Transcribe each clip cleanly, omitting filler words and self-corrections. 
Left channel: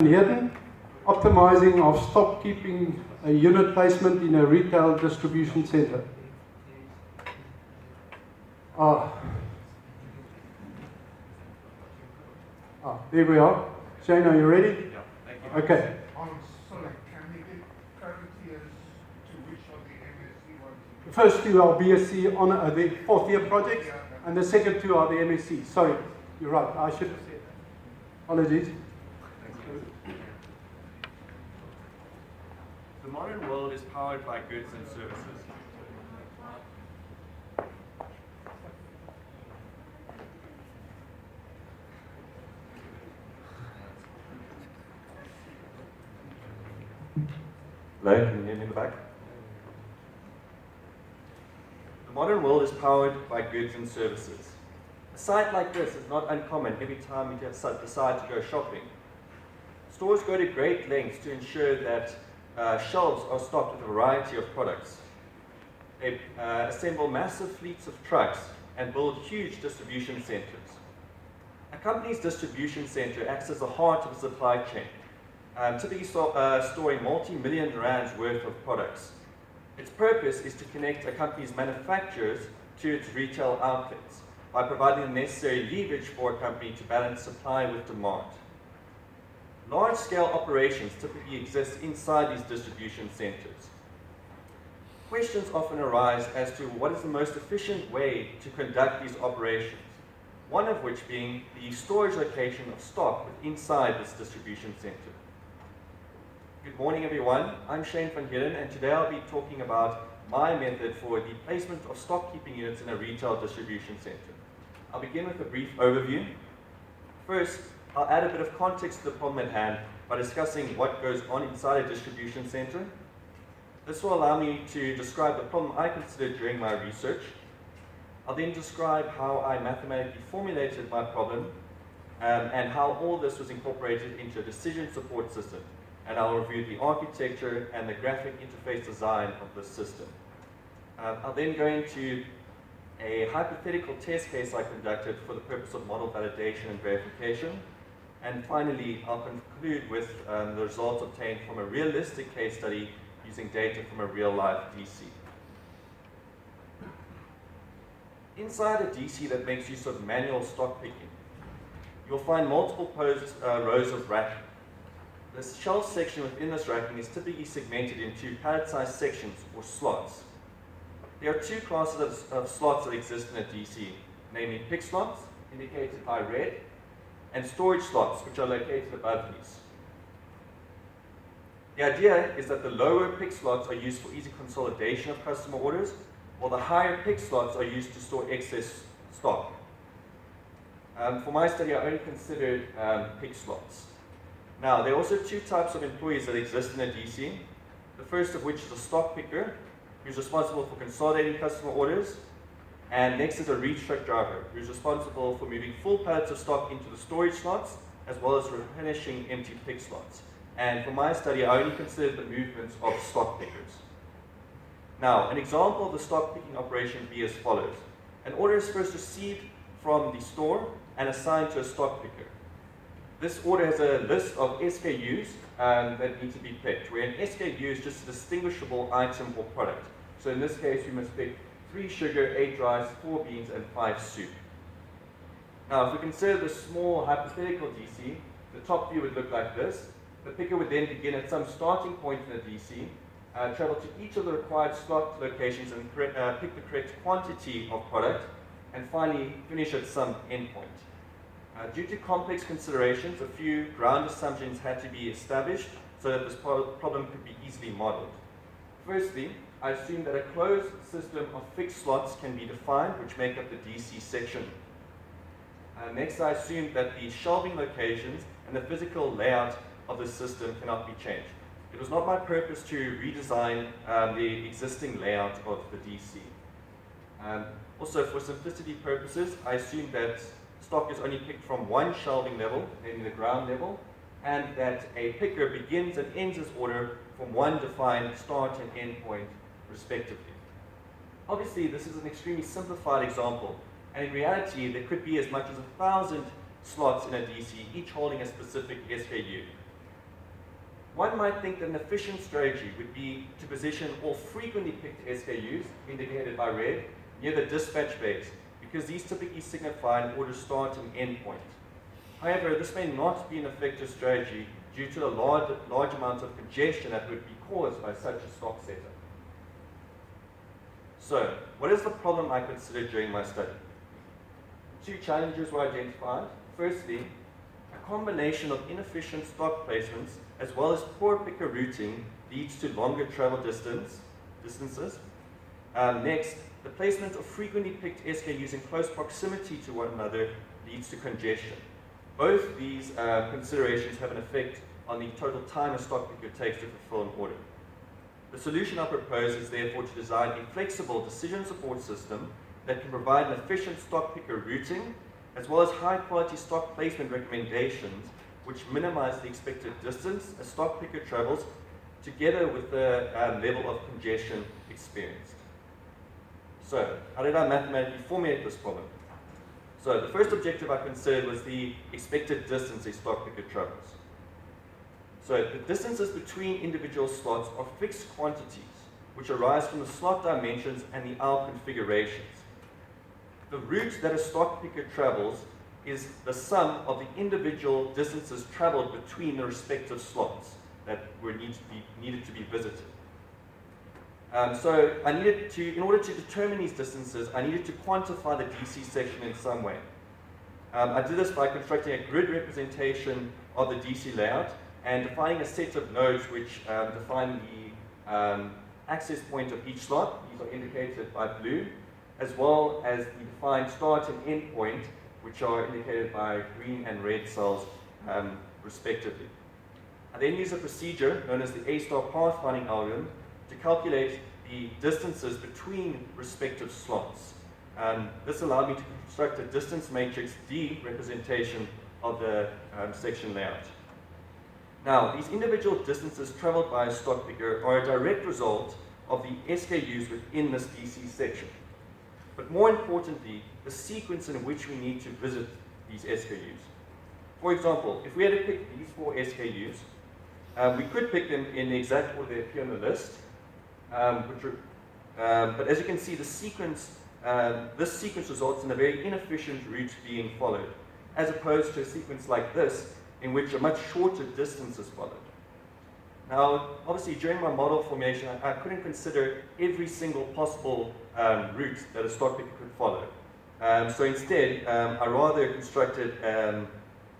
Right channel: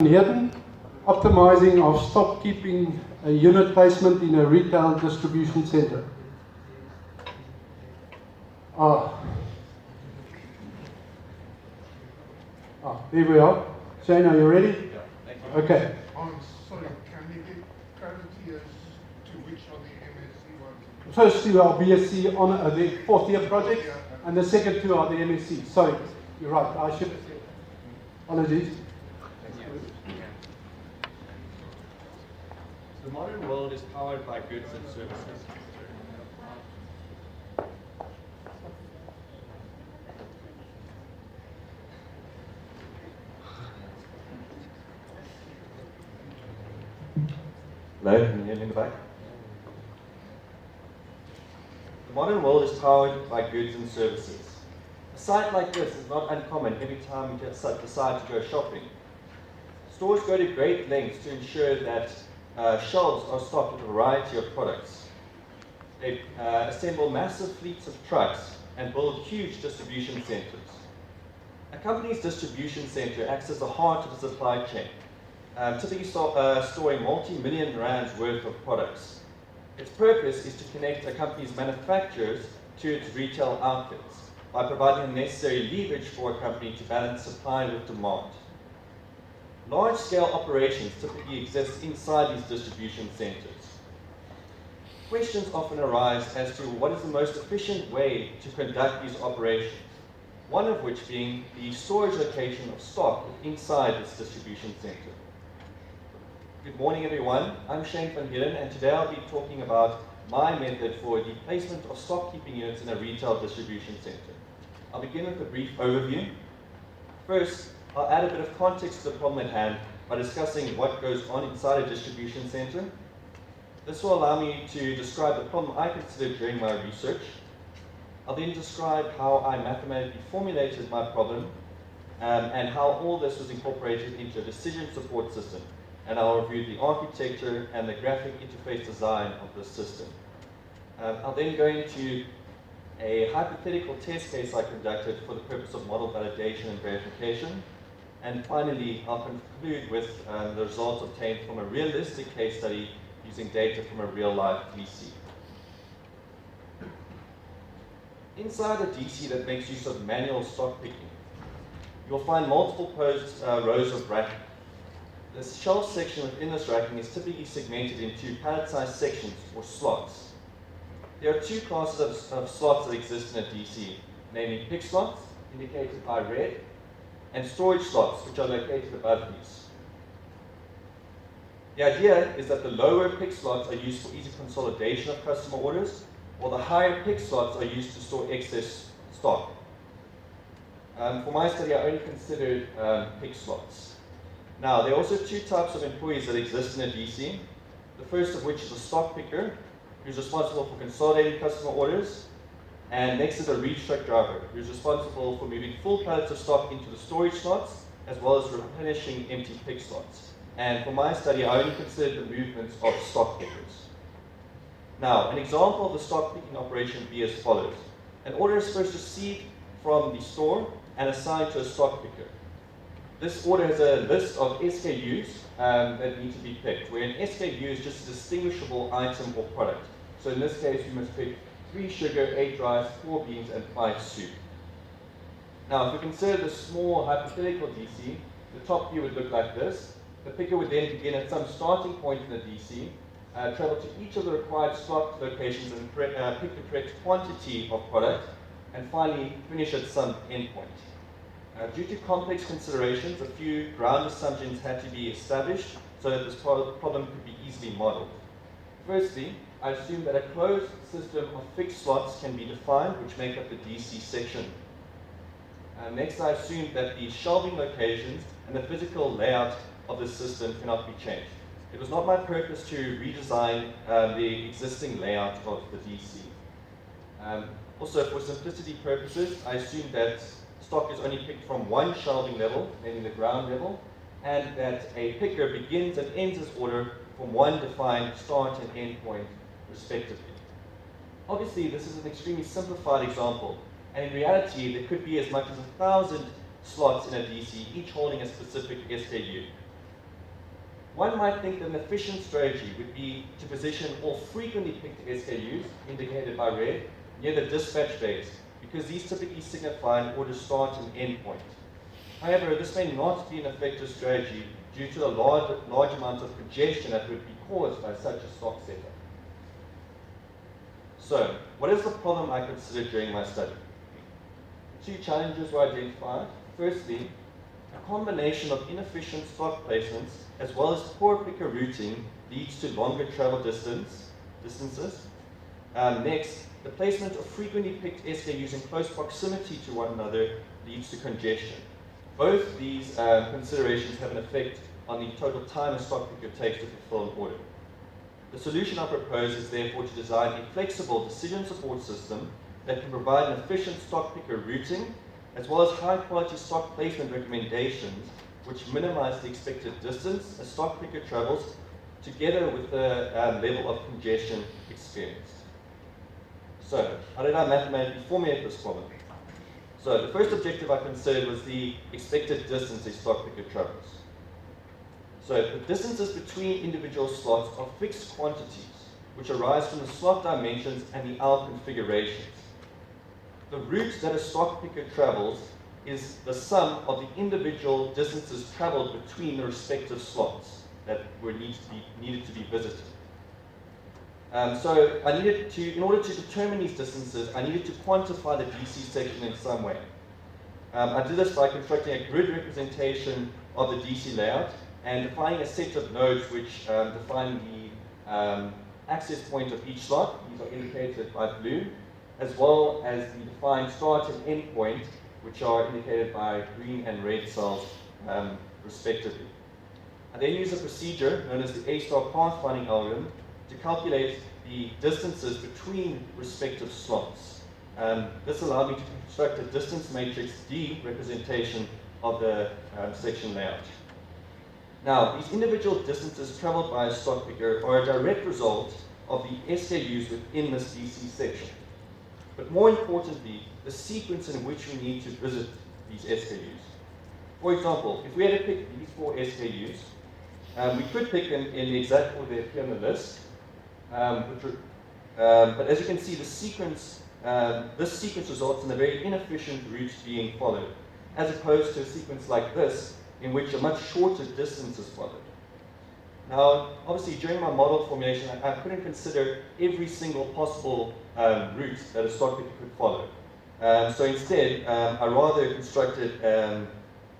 Heerden, optimizing of stock keeping unit placement in a retail distribution center. There we are. Shane, are you ready? Yeah, thank you. Okay. Sorry, can you get clarity as to which are the MSc ones? The first two are BSc on the fourth year project, and the second two are the MSc. Sorry, you're right. I should have said. Apologies. Thank you. The modern world is powered by goods and services. Hello, can you hear me in the back? The modern world is powered by goods and services. A site like this is not uncommon every time you decide to go shopping. Stores go to great lengths to ensure that shelves are stocked with a variety of products. They assemble massive fleets of trucks and build huge distribution centers. A company's distribution center acts as the heart of the supply chain, typically storing multi-million rands worth of products. Its purpose is to connect a company's manufacturers to its retail outlets by providing the necessary leverage for a company to balance supply with demand. Large-scale operations typically exist inside these distribution centers. Questions often arise as to what is the most efficient way to conduct these operations, one of which being the storage location of stock inside this distribution center. Good morning, everyone. I'm Shane van Heerden, and today I'll be talking about my method for the placement of stock keeping units in a retail distribution center. I'll begin with a brief overview. First, I'll add a bit of context to the problem at hand by discussing what goes on inside a distribution center. This will allow me to describe the problem I considered during my research. I'll then describe how I mathematically formulated my problem and how all this was incorporated into a decision support system. And I'll review the architecture and the graphic interface design of this system. I'll then go into a hypothetical test case I conducted for the purpose of model validation and verification. And finally, I'll conclude with the results obtained from a realistic case study using data from a real-life DC. Inside a DC that makes use of manual stock picking, you'll find multiple rows of racking. The shelf section within this racking is typically segmented into pallet-sized sections or slots. There are two classes of slots that exist in a DC, namely pick slots, indicated by red, and storage slots, which are located above these. The idea is that the lower pick slots are used for easy consolidation of customer orders, while the higher pick slots are used to store excess stock. For my study, I only considered pick slots. Now, there are also two types of employees that exist in a DC. The first of which is a stock picker, who's responsible for consolidating customer orders. And next is a reach truck driver, who's responsible for moving full pallets of stock into the storage slots, as well as replenishing empty pick slots. And for my study, I only considered the movements of stock pickers. Now, an example of the stock picking operation would be as follows. An order is first received from the store and assigned to a stock picker. This order has a list of SKUs that need to be picked, where an SKU is just a distinguishable item or product. So in this case, we must pick 3 sugar, 8 rice, 4 beans, and 5 soup. Now, if we consider the small hypothetical DC, the top view would look like this. The picker would then begin at some starting point in the DC, travel to each of the required slot locations and pick the correct quantity of product, and finally finish at some endpoint. Due to complex considerations, a few ground assumptions had to be established so that this problem could be easily modeled. Firstly, I assumed that a closed system of fixed slots can be defined, which make up the DC section. Next, I assumed that the shelving locations and the physical layout of the system cannot be changed. It was not my purpose to redesign the existing layout of the DC. Also, for simplicity purposes, I assumed that stock is only picked from one shelving level, namely the ground level, and that a picker begins and ends his order from one defined start and end point, respectively. Obviously, this is an extremely simplified example, and in reality, there could be as much as 1,000 slots in a DC, each holding a specific SKU. One might think that an efficient strategy would be to position all frequently picked SKUs, indicated by red, near the dispatch bays, because these typically signify an order start and end point. However, this may not be an effective strategy due to the large amount of congestion that would be caused by such a stock setup. So, what is the problem I considered during my study? Two challenges were identified. Firstly, a combination of inefficient stock placements as well as poor picker routing leads to longer travel distances. Next, the placement of frequently picked SKUs in close proximity to one another leads to congestion. Both these considerations have an effect on the total time a stock picker takes to fulfill an order. The solution I propose is therefore to design a flexible decision support system that can provide an efficient stock picker routing as well as high quality stock placement recommendations which minimize the expected distance a stock picker travels together with the level of congestion experienced. So, how did I mathematically formulate this problem? So, the first objective I considered was the expected distance a stock picker travels. So, the distances between individual slots are fixed quantities which arise from the slot dimensions and the aisle configurations. The route that a stock picker travels is the sum of the individual distances traveled between the respective slots that were needed to be visited. So I needed to, in order to determine these distances, I needed to quantify the DC section in some way. I did this by constructing a grid representation of the DC layout and defining a set of nodes which define the access point of each slot. These are indicated by blue, as well as the defined start and end point, which are indicated by green and red cells, respectively. I then use a procedure known as the A-star pathfinding algorithm to calculate the distances between respective slots. This allowed me to construct a distance matrix D representation of the section layout. Now, these individual distances traveled by a stock picker are a direct result of the SKUs within this DC section. But more importantly, the sequence in which we need to visit these SKUs. For example, if we had to pick these 4 SKUs, we could pick them in the exact order they appear on the list, but as you can see, the sequence, this sequence results in a very inefficient route being followed, as opposed to a sequence like this, in which a much shorter distance is followed. Now, obviously, during my model formulation, I couldn't consider every single possible route that a stock picker could follow. So instead, I rather constructed,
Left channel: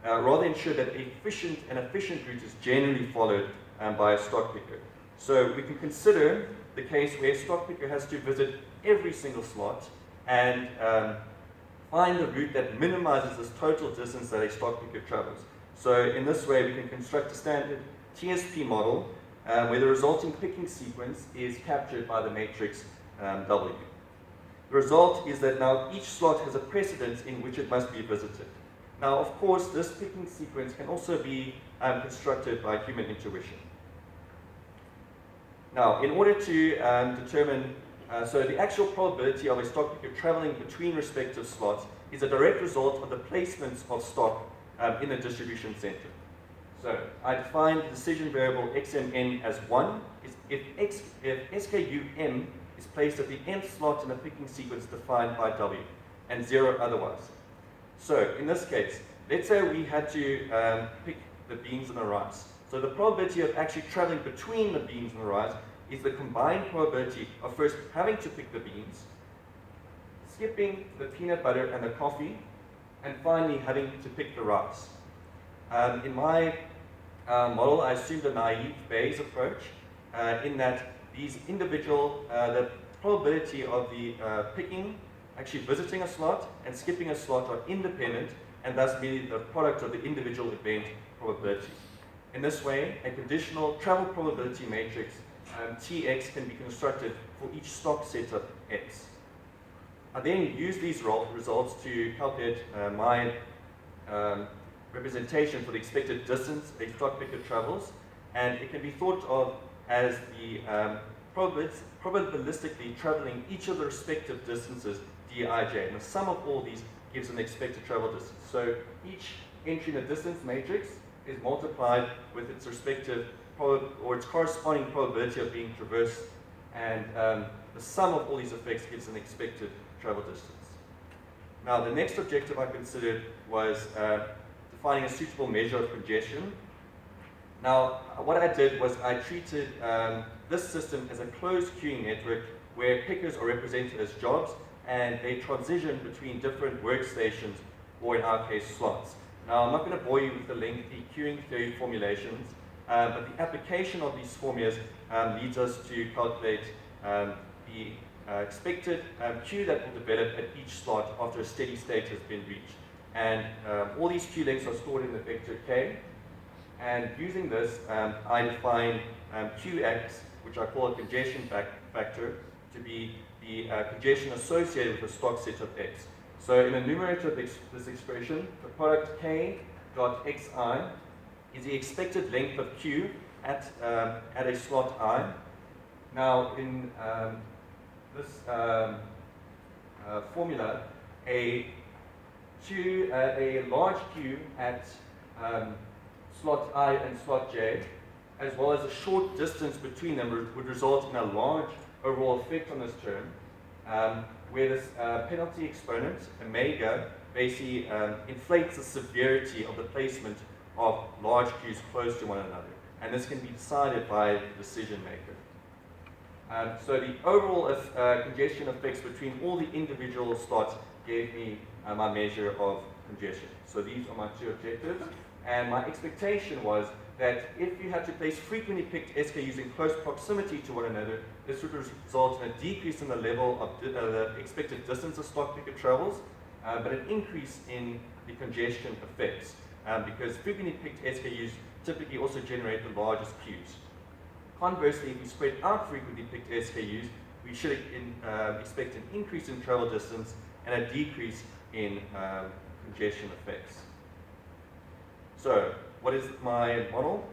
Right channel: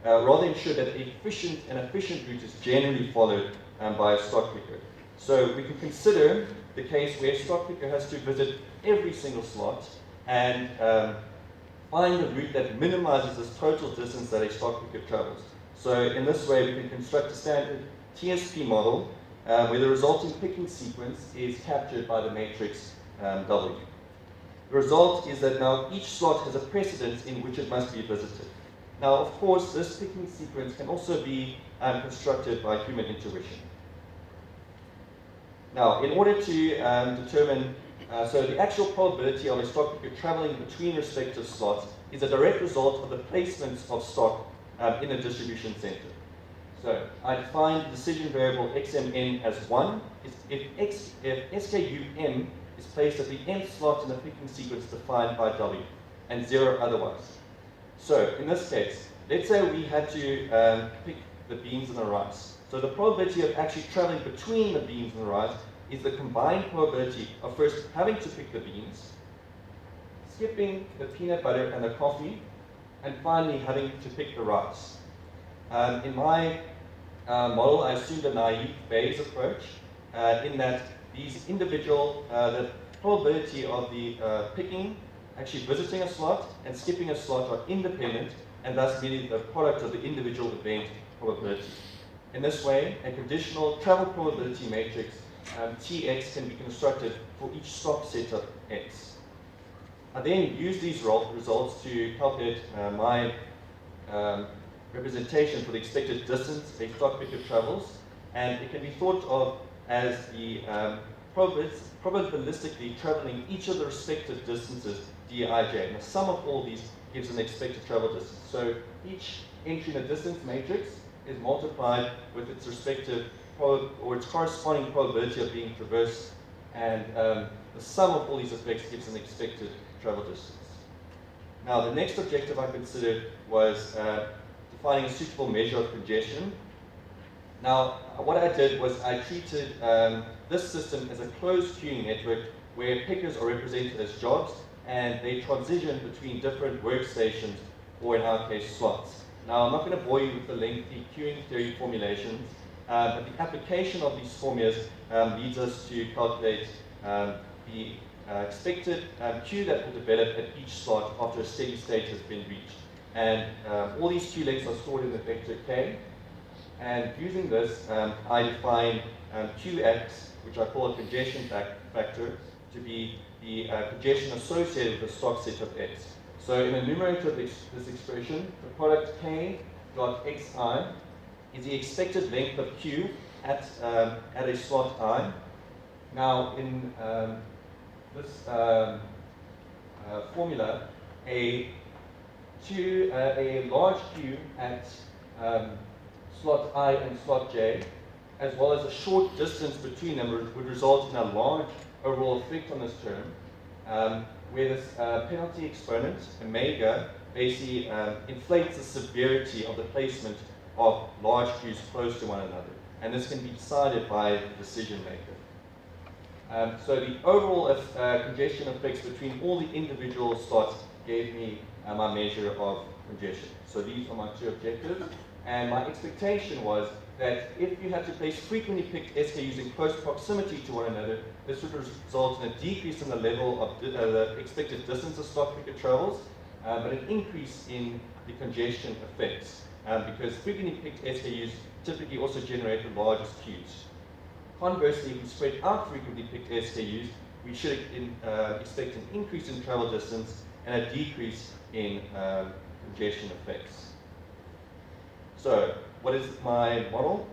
rather ensured that an efficient route is generally followed by a stock picker. So we can consider the case where a stock picker has to visit every single slot and find the route that minimizes this total distance that a stock picker travels. So in this way, we can construct a standard TSP model where the resulting picking sequence is captured by the matrix W. The result is that now each slot has a precedence in which it must be visited. Now, of course, this picking sequence can also be constructed by human intuition. Now, in order to determine, so the actual probability of a stock picker traveling between respective slots is a direct result of the placements of stock in a distribution center. So I define the decision variable xmn as 1 if SKU m is placed at the nth slot in the picking sequence defined by W, and 0 otherwise. So in this case, let's say we had to pick the beans and the rice. So the probability of actually traveling between the beans and the rice is the combined probability of first having to pick the beans, skipping the peanut butter and the coffee, and finally having to pick the rice. In my model, I assumed a naive Bayes approach in that these individual, the probability of the picking, actually visiting a slot and skipping a slot are independent, and thus meaning the product of the individual event probability. In this way, a conditional travel probability matrix Tx can be constructed for each stock setup X. I then use these results to calculate my representation for the expected distance a stock picker travels, and it can be thought of as the probabilistically traveling each of the respective distances dij, and the sum of all these gives an expected travel distance. So each entry in the distance matrix is multiplied with its respective or its corresponding probability of being traversed, and the sum of all these effects gives an expected travel distance. Now, the next objective I considered was defining a suitable measure of congestion. Now, what I did was I treated this system as a closed queuing network where pickers are represented as jobs and they transition between different workstations, or in our case, slots. Now, I'm not going to bore you with the lengthy queuing theory formulations, but the application of these formulas leads us to calculate the expected queue that will develop at each slot after a steady state has been reached. And all these queue lengths are stored in the vector k. And using this, I define Qx, which I call a congestion factor, to be the congestion associated with the stock set of x. So in the numerator of this expression, the product k dot xi is the expected length of q at a slot I. Now in this formula, a large q at slot I and slot j, as well as a short distance between them, would result in a large overall effect on this term, where this penalty exponent, omega, basically inflates the severity of the placement of large queues close to one another. And this can be decided by the decision maker. So the overall congestion effects between all the individual slots gave me my measure of congestion. So these are my two objectives. And my expectation was that if you had to place frequently picked SKUs in close proximity to one another, this would result in a decrease in the level of the expected distance a stock picker travels, but an increase in the congestion effects, because frequently picked SKUs typically also generate the largest queues. Conversely, if we spread out frequently picked SKUs, we should expect an increase in travel distance and a decrease in congestion effects. So, what is my model?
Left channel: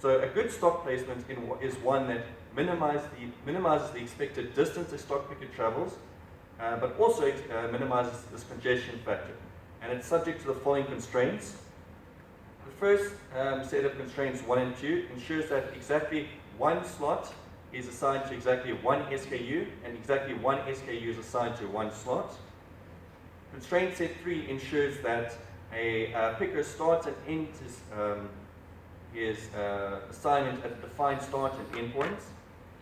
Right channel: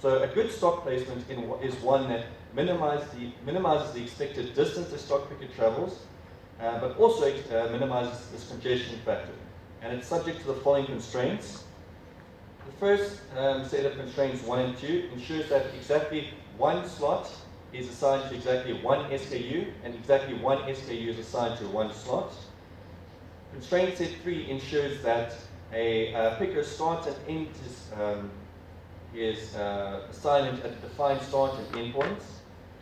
So, a good stock placement is one that minimizes the expected distance a stock picker travels, but also minimizes this congestion factor. And it's subject to the following constraints. The first set of constraints 1 and 2 ensures that exactly one slot is assigned to exactly one SKU, and exactly one SKU is assigned to one slot. Constraint set 3 ensures that a picker starts and ends his assignment at a defined start and end points.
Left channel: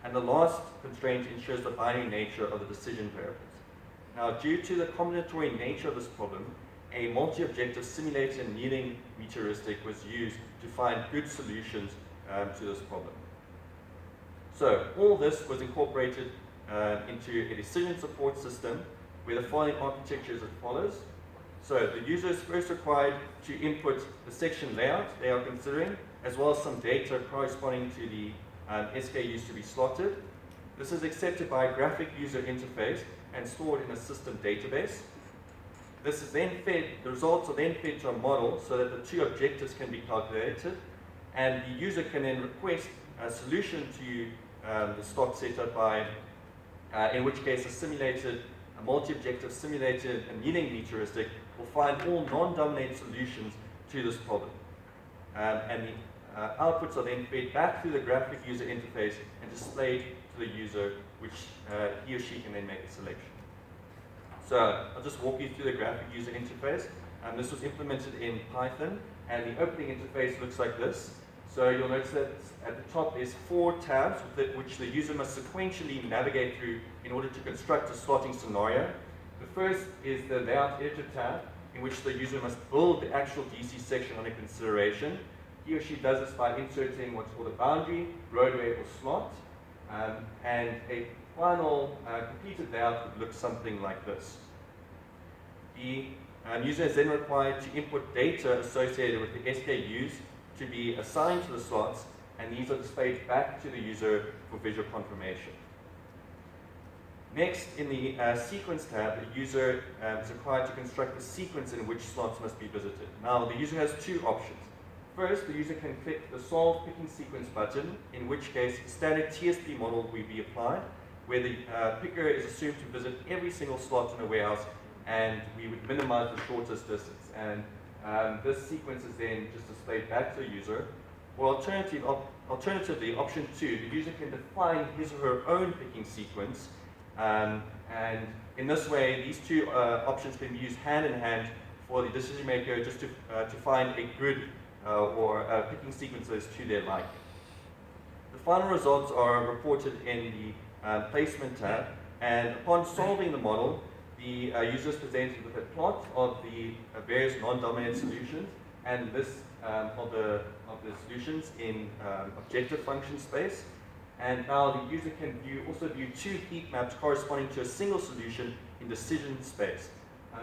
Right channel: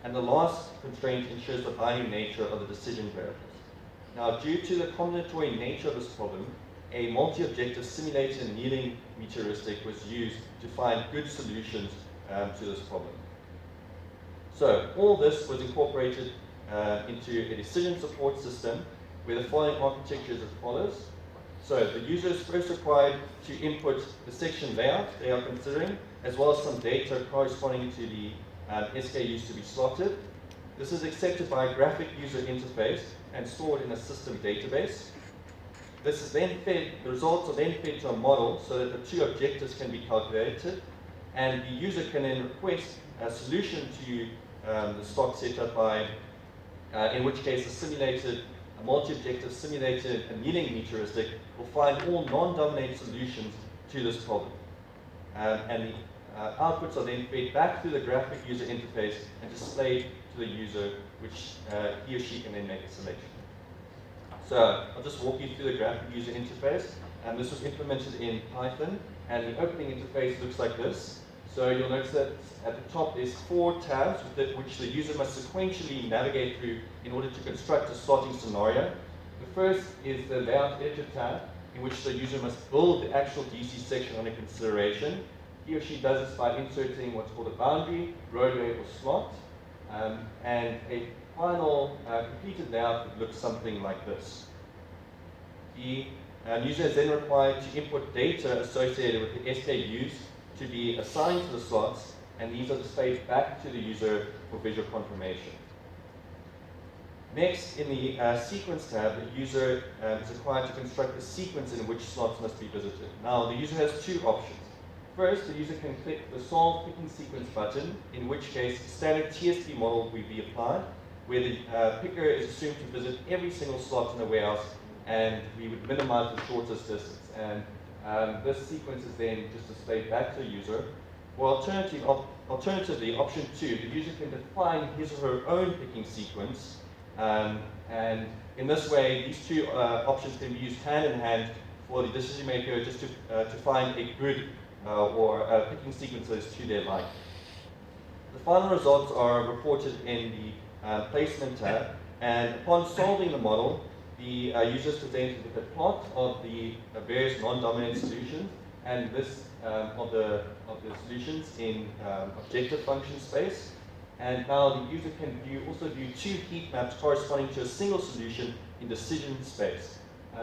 And the last constraint ensures the binary nature of the decision variables. Now, due to the combinatory nature of this problem, a multi-objective simulated annealing heuristic was used to find good solutions to this problem. So, all this was incorporated into a decision support system where the following architecture is as follows. So, the user is first required to input the section layout they are considering, as well as some data corresponding to the SKUs to be slotted. This is accepted by a graphic user interface and stored in a system database. This is then fed, the results are then fed to a model so that the two objectives can be calculated, and the user can then request a solution to the stock setup by, in which case a multi-objective simulated annealing heuristic will find all non-dominated solutions to this problem. And the outputs are then fed back through the graphic user interface and displayed to the user, which he or she can then make a selection. So I'll just walk you through the graphic user interface. This was implemented in Python, and the opening interface looks like this. So you'll notice that at the top is 4 tabs which the user must sequentially navigate through in order to construct a slotting scenario. The first is the layout editor tab, in which the user must build the actual DC section under consideration. He or she does this by inserting what's called a boundary, roadway, or slot, and a final completed layout would look something like this. The user is then required to input data associated with the SKUs to be assigned to the slots, and these are displayed back to the user for visual confirmation. Next, in the sequence tab, the user is required to construct a sequence in which slots must be visited. Now, the user has 2 options. First, the user can click the Solve Picking Sequence button, in which case a standard TSP model will be applied, where the picker is assumed to visit every single slot in the warehouse, and we would minimize the shortest distance. And this sequence is then just displayed back to the user. Or alternatively, option 2, the user can define his or her own picking sequence, and in this way, these two options can be used hand in hand for the decision maker just to find a good or picking sequences to their liking. The final results are reported in the placement tab, and upon solving the model, the user is presented with a plot of the various non-dominant solutions and this of the solutions in objective function space. And now the user can also view two heat maps corresponding to a single solution in decision space.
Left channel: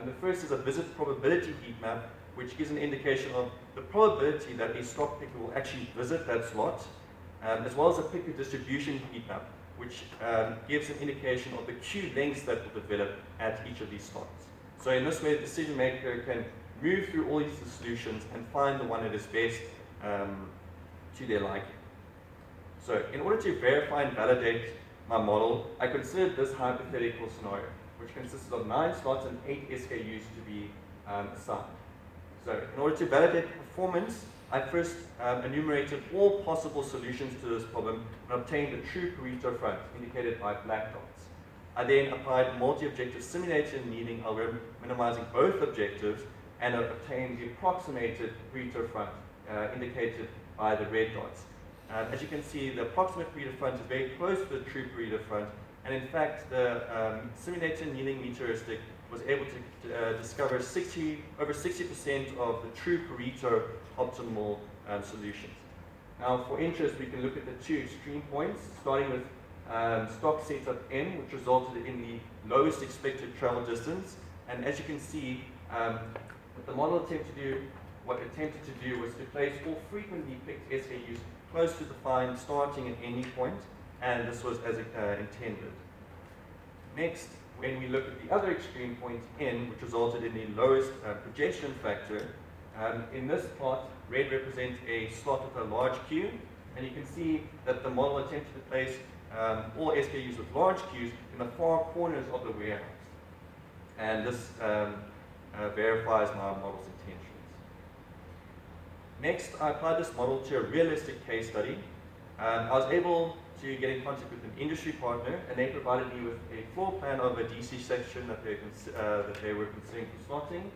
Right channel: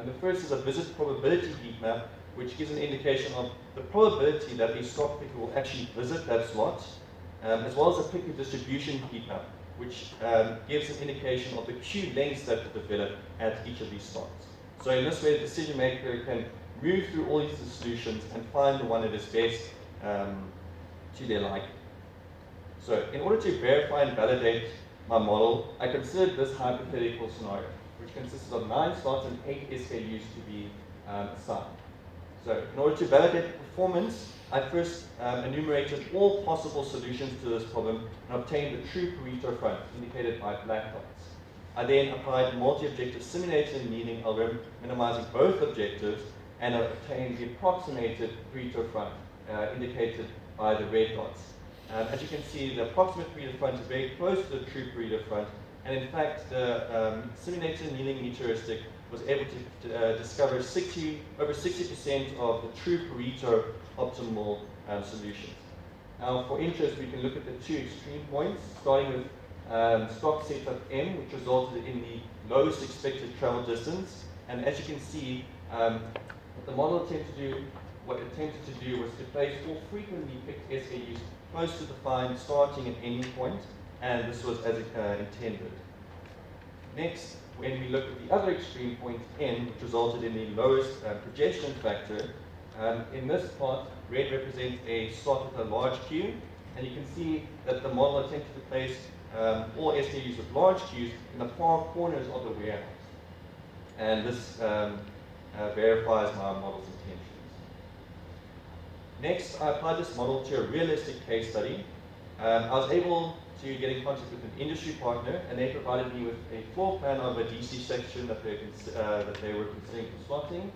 The first is a visit probability heat map, which gives an indication of the probability that a slot picker will actually visit that slot, as well as a picker distribution heat map, which gives an indication of the queue lengths that will develop at each of these slots. So in this way, the decision maker can move through all these solutions and find the one that is best to their liking. So in order to verify and validate my model, I considered this hypothetical scenario, which consisted of 9 slots and 8 SKUs to be assigned. So in order to validate the performance, I first enumerated all possible solutions to this problem and obtained the true Pareto front, indicated by black dots. I then applied multi-objective simulation annealing algorithm, minimizing both objectives, and obtained the approximated Pareto front, indicated by the red dots. As you can see, the approximate Pareto front is very close to the true Pareto front, and in fact, the simulated annealing meteoristic was able to discover over 60% of the true Pareto optimal solutions. Now, for interest, we can look at the two extreme points, starting with stock setup N, which resulted in the lowest expected travel distance. And as you can see, what the model attempted to do was to place all frequently picked SKUs close to defined starting and ending point, and this was as intended. Next, when we look at the other extreme point N, which resulted in the lowest projection factor, in this plot, red represents a slot with a large queue, and you can see that the model attempted to place all SKUs with large queues in the far corners of the warehouse. And this verifies my model's intentions. Next, I applied this model to a realistic case study. I was able to get in contact with an industry partner, and they provided me with a floor plan of a DC section that they were considering for slotting.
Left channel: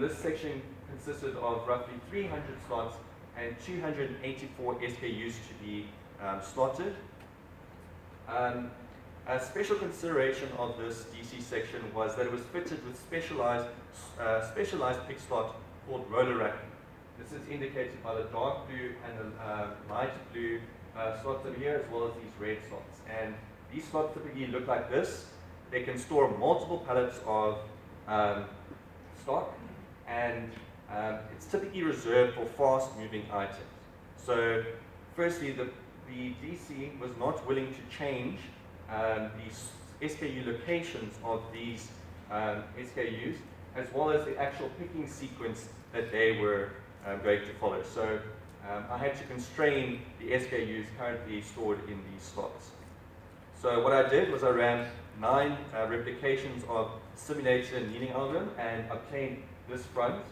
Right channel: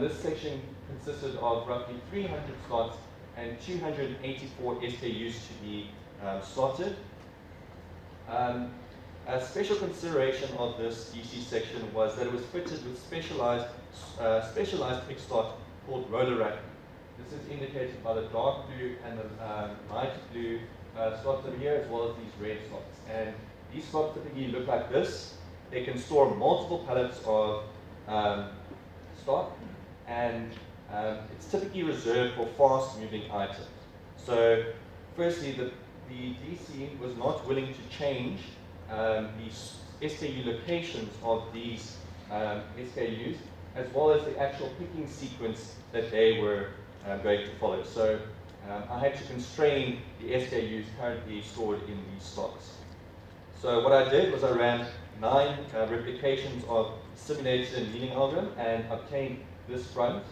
This section consisted of roughly 300 slots and 284 SKUs to be slotted. A special consideration of this DC section was that it was fitted with specialized pick slot called roller racking. This is indicated by the dark blue and the light blue slots over here, as well as these red slots. And these slots typically look like this. They can store multiple pallets of stock, and it's typically reserved for fast-moving items. So, firstly, the DC was not willing to change the SKU locations of these SKUs, as well as the actual picking sequence that they were going to follow. So I had to constrain the SKUs currently stored in these slots. So what I did was I ran 9 replications of simulated annealing algorithm and obtained this front.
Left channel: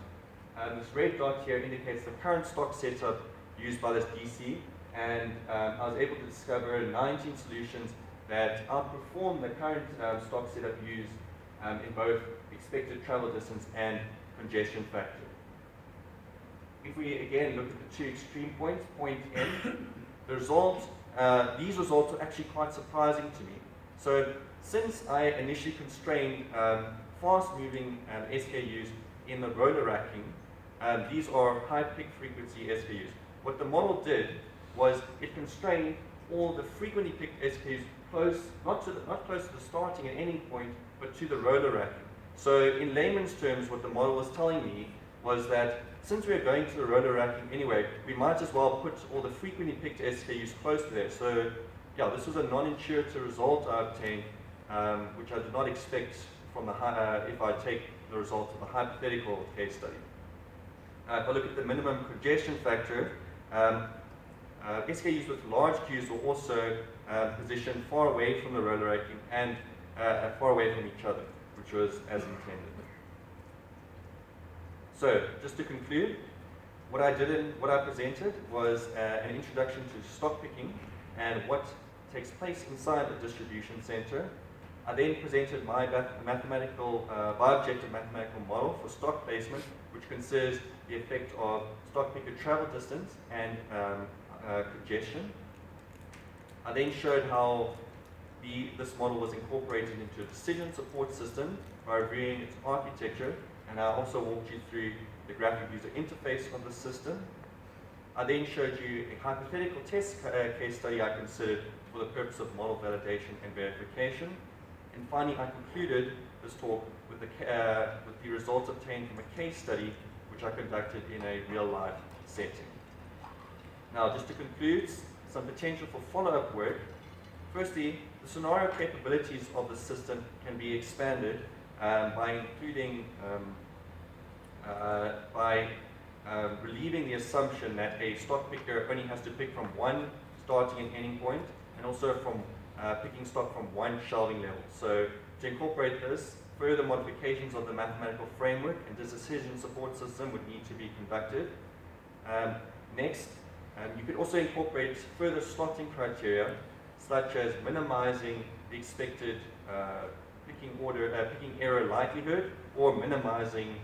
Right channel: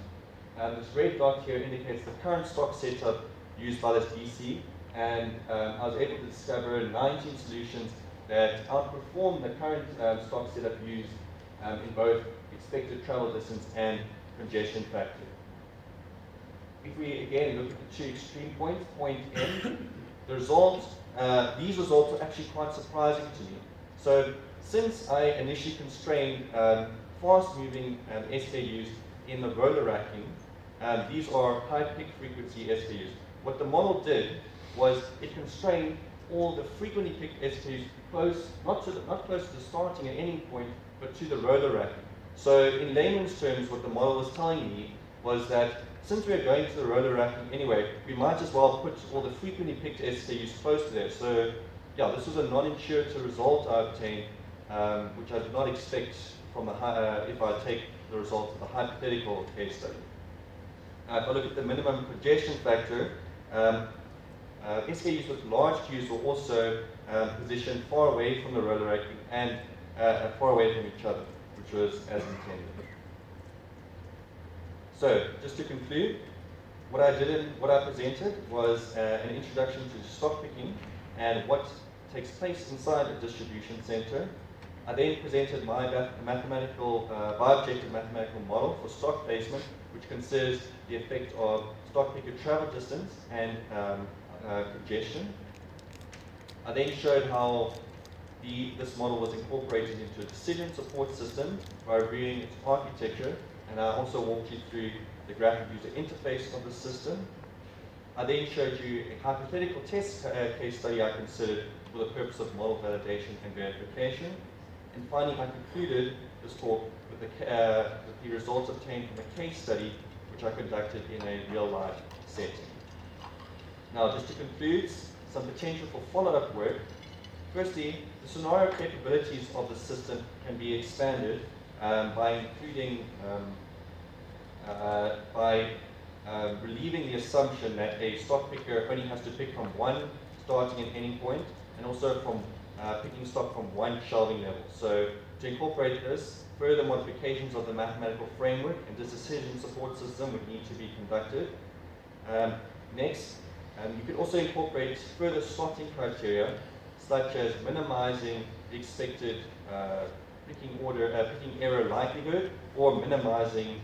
This red dot here indicates the current stock setup used by this DC, and I was able to discover 19 solutions that outperform the current stock setup used in both expected travel distance and congestion factor. If we again look at the two extreme points, point N, these results are actually quite surprising to me. So since I initially constrained fast-moving SKUs in the roller racking, these are high pick frequency SKUs. What the model did was it constrained all the frequently picked SKUs close, not close to the starting and ending point, but to the roller racking. So in layman's terms, what the model was telling me was that since we are going to the roller racking anyway, we might as well put all the frequently picked SKUs close to there. So yeah, this was a non-intuitive result I obtained, which I did not expect from if I take the results of a hypothetical case study. If I look at the minimum congestion factor, SKUs with large queues were also positioned far away from the roller racking and far away from each other, which was as intended. So, just to conclude, what I presented was an introduction to stock picking and what takes place inside a distribution center. I then presented my bi-objective mathematical model for stock placement, which considers the effect of stock picker travel distance and congestion. I then showed how this model was incorporated into a decision support system by reviewing its architecture, and I also walked you through the graphic user interface of the system. I then showed you a hypothetical test case study I considered for the purpose of model validation and verification. And finally, I concluded this talk with the results obtained from a case study which I conducted in a real-life setting. Now, just to conclude, some potential for follow-up work. Firstly, the scenario capabilities of the system can be expanded by including, relieving the assumption that a stock picker only has to pick from one starting and ending point, and also from picking stock from one shelving level. So to incorporate this, further modifications of the mathematical framework and this decision support system would need to be conducted. Next, you could also incorporate further slotting criteria, such as minimizing the expected picking error likelihood, or minimizing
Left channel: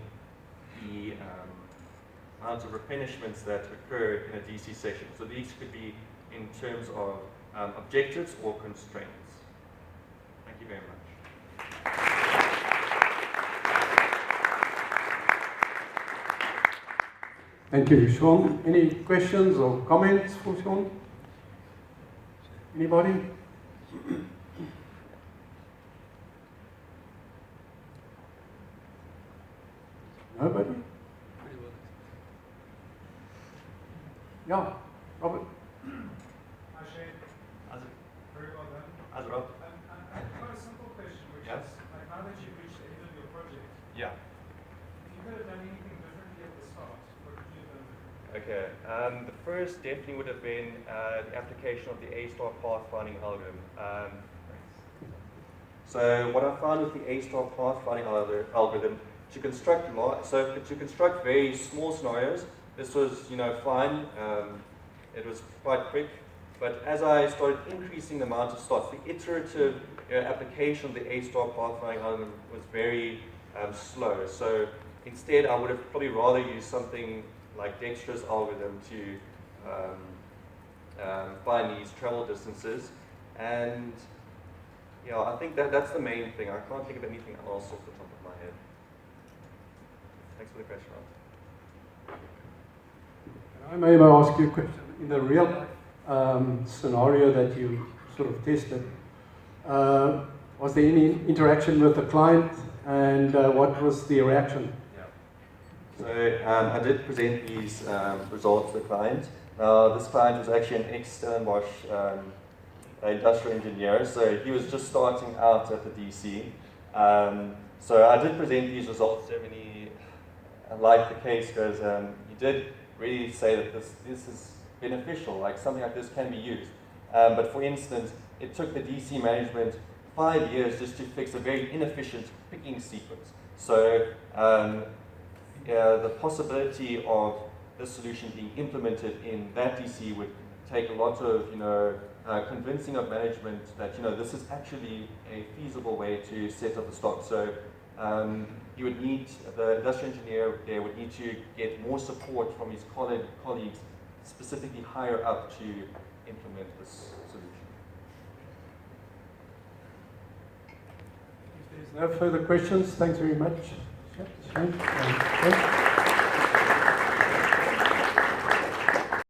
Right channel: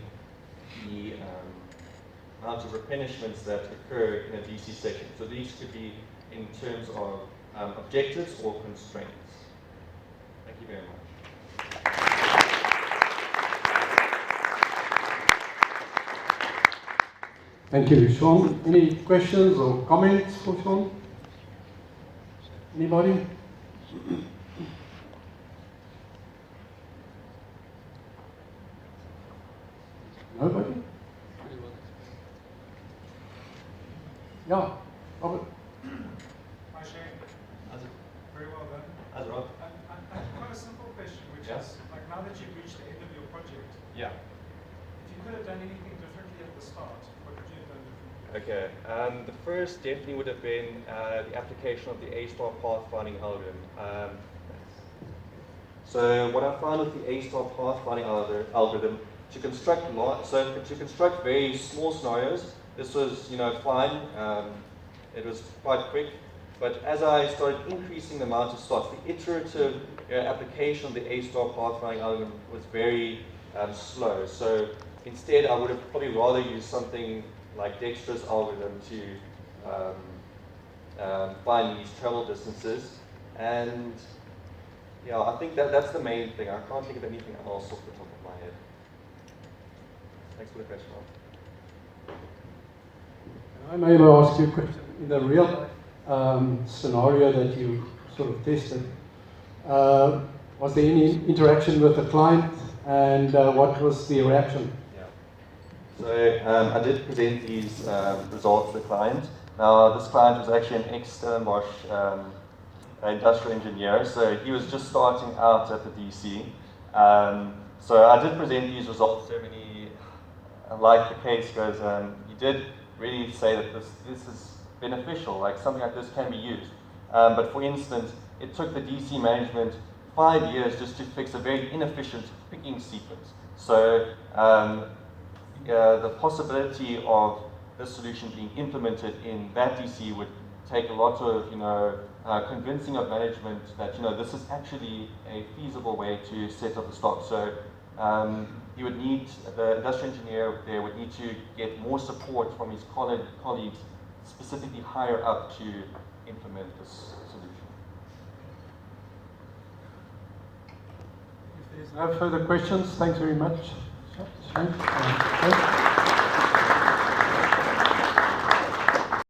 the amount of replenishments that occur in a DC session. So these could be in terms of objectives or constraints. Thank you very much. Thank you, Sean. Any questions or comments for Sean? Anybody? Nobody? Yeah, Robert. Hi Shane, How's it? very well done. How's it, Rob? I've got a simple question, which Yes. is, like, now that you've reached the end of your project, Yeah. if you could have done anything differently at the start, what would you have done differently? Okay, the first definitely would have been the application of the A-star pathfinding algorithm. So what I found with the A-star pathfinding algorithm, to construct very small scenarios, this was fine. It was quite quick, but as I started increasing the amount of slots, the iterative application of the A-star pathfinding algorithm was very slow. So instead, I would have probably rather used something like Dexter's algorithm to find these travel distances. And yeah, I think that's the main thing. I can't think of anything else off the top of my head. Thanks for the question. I may ask you a question. In the real scenario that you sort of tested, was there any interaction with the client, and what was the reaction? So I did present these results to the client. Now this client was actually an ex-Stellenbosch industrial engineer, so he was just starting out at the DC. So I did present these results to him, and he, like the case goes, he did really say that this is beneficial, like something like this can be used. But for instance, it took the DC management 5 years just to fix a very inefficient picking sequence. So the possibility of this solution being implemented in that DC would take a lot of convincing of management that this is actually a feasible way to set up the stock. So he would need, the industrial engineer there would need to get more support from his colleagues specifically higher up to implement this solution. If there's no further questions, thanks very much. Shane.